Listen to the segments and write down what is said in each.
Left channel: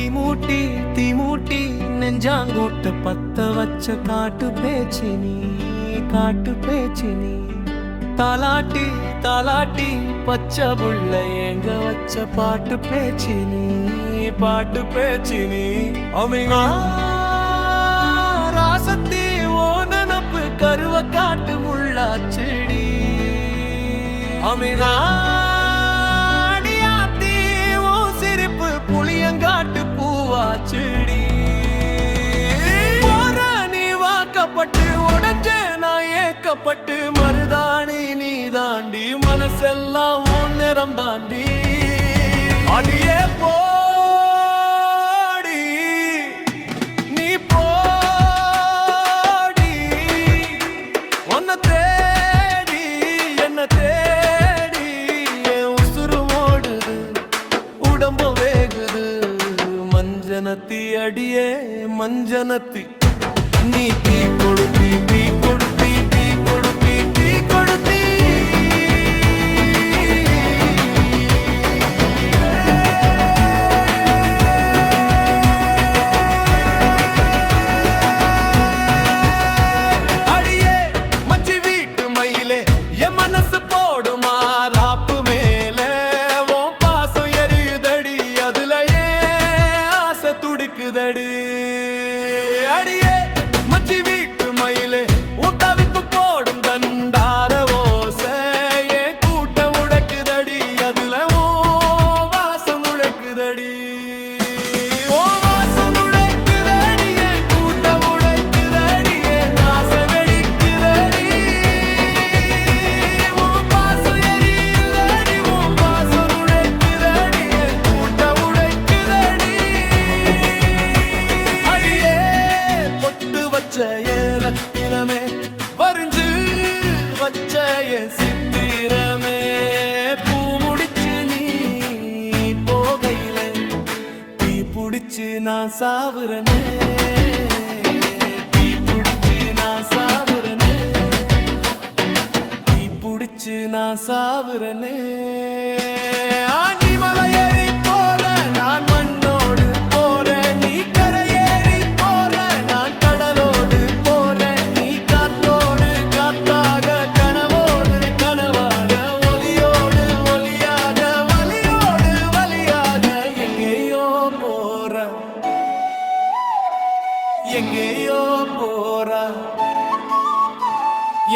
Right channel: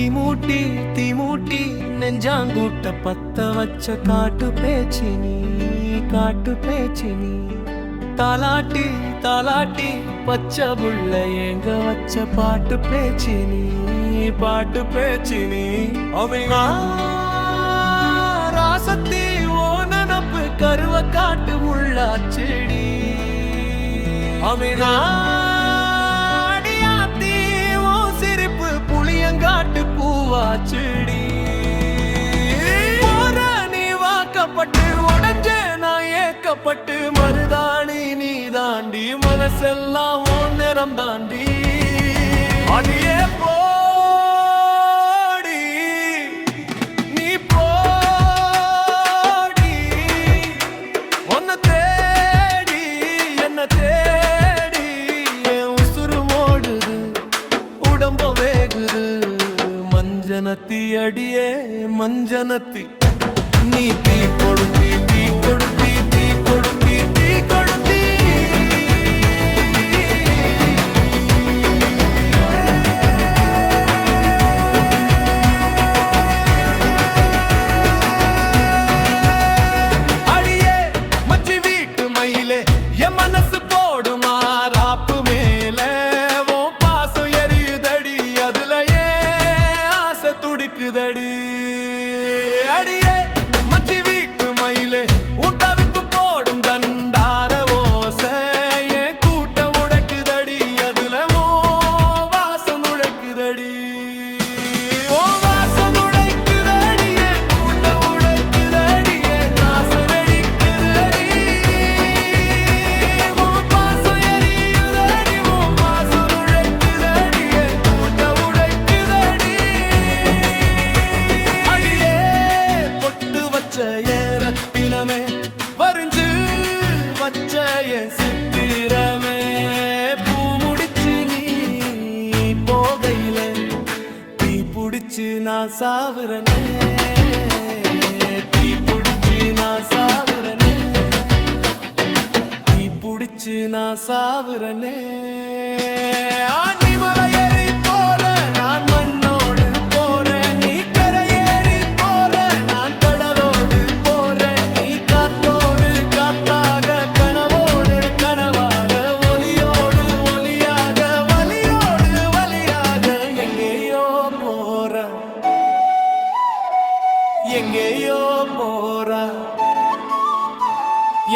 தீமூட்டி நெஞ்சாங்கூட்ட பத்த வச்ச காட்டு பேச்சினி தாலாட்டி பச்சை புள்ள ஏங்க வச்ச பாட்டு பேச்சினி அமிங்கா ராசத்தி ஓ நனப்பு கருவ காட்டு முள்ளாச்செடி அமிங்கா அடியாத்தி ஓ சிரிப்பு புளியங்காட்டு பூவாச்செடி நீ வாக்கப்பட்டு உடஞ்ச நான் ஏக்கப்பட்டு மருதாணி நீ தாண்டி மனசெல்லாம் உன் நிறம் தாண்டி அடியே போடி நீ போடி உன்னை தேடி என்ன தேடி என் உசுறு ஓடுது உடம்பு வேகுது மஞ்சனத்தி அடியே மஞ்சனத்தி நீ தீ கொடுத்தி அடியே மச்சி வீட்டு மயிலே என் மனசு போடுமா ராப்பு மேல உன் பாசம் எரியுதடி அதுல ஏன் ஆசை துடிக்குதடி அடியே மச்சி வீட்டு மயிலே உன் தவிப்பு போடும் தண்டார ஓசை என் கூட்ட உடைக்குதடி அதுல ஓ வாசம் உடைக்குதடி ஓ வாசம் உடைக்குதடி என் கூட்ட உடைக்குதடி என் ஆசை வெடிக்குதடி உன் பாசம் எரியுதடி உன் வாசம் உடைக்குதடி என் கூட்ட உடைக்குதடி அடியே பொட்டு வச்ச என் ரத்தினமே வரிஞ்சு வச்ச என் சித்திரமே பூ முடிச்சு நீ போகையில தீ புடிச்சு நான் சாவுறனே தீ புடிச்சு நான் சாவுறனே ஆண்டி மலை ஏறி போற நான் மண்ணோடு போறேன் நீ கரையேறி போற நான் கடலோடு போறேன் நீ காத்தோடு காத்தாக கனவோடு கனவாக ஒலியோடு ஒலியாக வலியோடு வலியாக எங்கேயோ போற எங்கேயோ போறா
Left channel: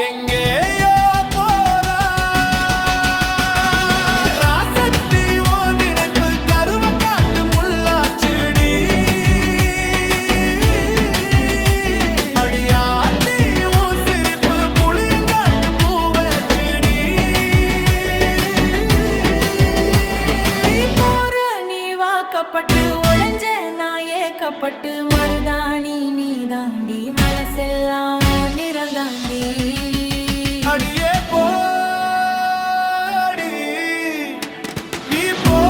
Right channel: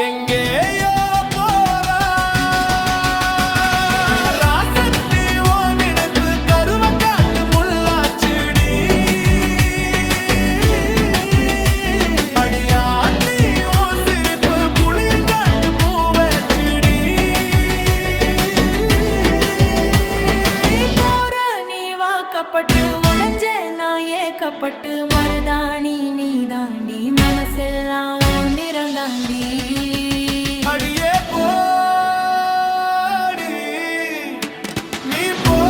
எங்கேயோ போறா ராசத்தி ஓ நினைப்பு கருவ காட்டு முள்ளாச்செடி அடியாத்தி ஓ சிரிப்பு புளியங்காட்டு பூவச்செடி போற நீ வாக்கப்பட்டு உடஞ்ச நான் ஏக்கப்பட்டு மருதாணி நீ தாண்டி மனசெல்லாம் உன் நிறம் தாண்டி அடியே போடி நீ போடி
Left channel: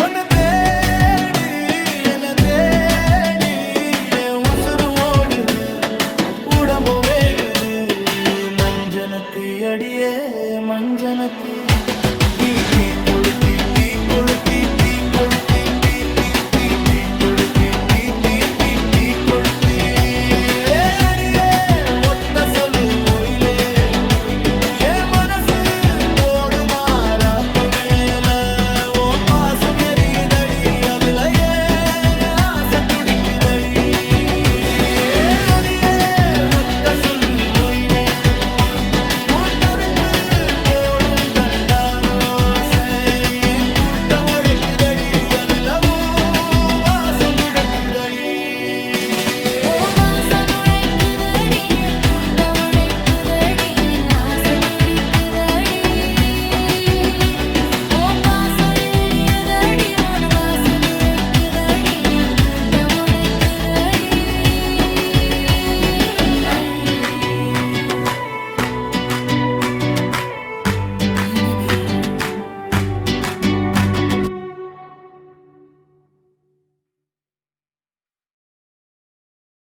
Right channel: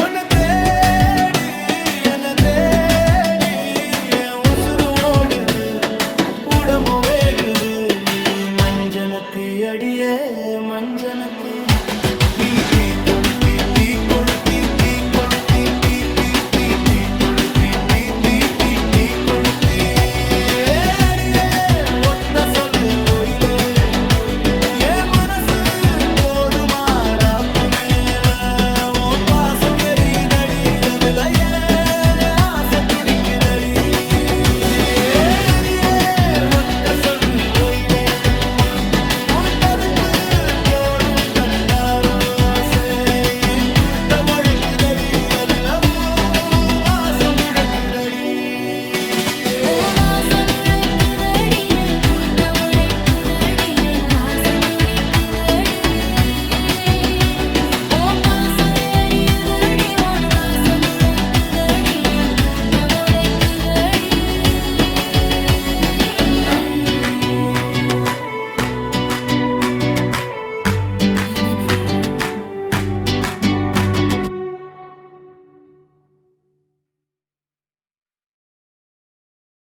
உன்னை தேடி என்ன தேடி என் உசுறு ஓடுது உடம்பு வேகுது மஞ்சனத்தி அடியே மஞ்சனத்தி நீ தீ கொளுத்தி அடியே ஒத்த சொல்லு ஒயிலே என் மனசு போடுமா ராப்பு மேல உன் பாசம் எரியுதடி அதுல ஏன் ஆசை துடிக்குதடி அடியே ஒத்த சொல்லு ஒயிலே உன் தவிப்பு போடும் தண்டாரோசை என் கூட்ட உடைக்குதடி அதுல வாசம் உடைக்குதடி ஓ வாசம் நுழைக்குதடி என் கூட்ட உடைக்குதடி என் ஆசை துடிக்குதடி ஓ பாசம் எரியுதடி உன் வாசம் நுழைக்குதடி என் கூட்ட உடைக்குதடி இனிமே